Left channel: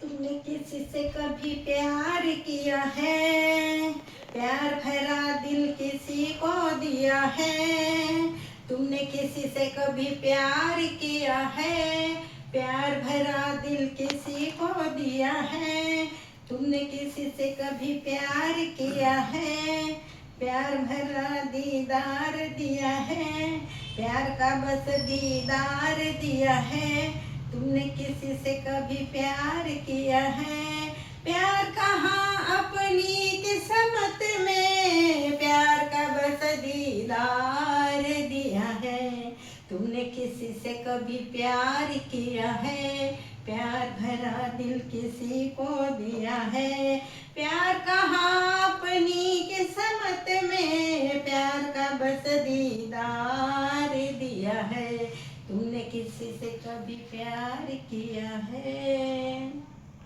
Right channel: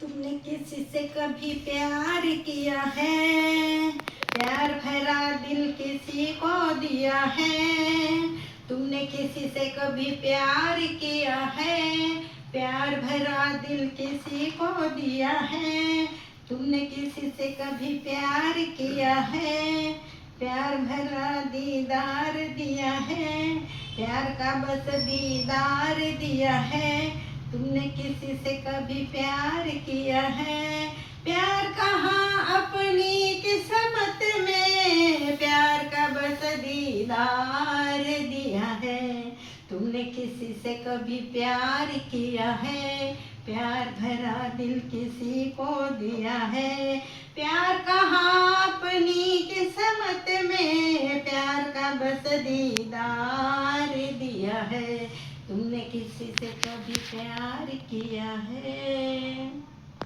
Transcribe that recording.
तुमने किसी से कभी प्यार किया है? प्यार भरा दिल किसी को दिया है? तुमने किसी से कभी प्यार किया है? प्यार भरा दिल किसी को दिया है? तुमने किसी से कभी प्यार किया है? प्यार भरा दीदार दिया है, प्यार का बस दीदार दिया है। तुमने किसी से कभी प्यार किया है? प्यार कहाँ अपनी किस्मत में, प्यार का बस दीदार दिया है। तुमने किसी से कभी प्यार किया है? प्यार भरा दिल किसी को दिया है? प्यार कहाँ अपनी किस्मत में, प्यार का बस दीदार दिया है। तुमने किसी से कभी प्यार किया है?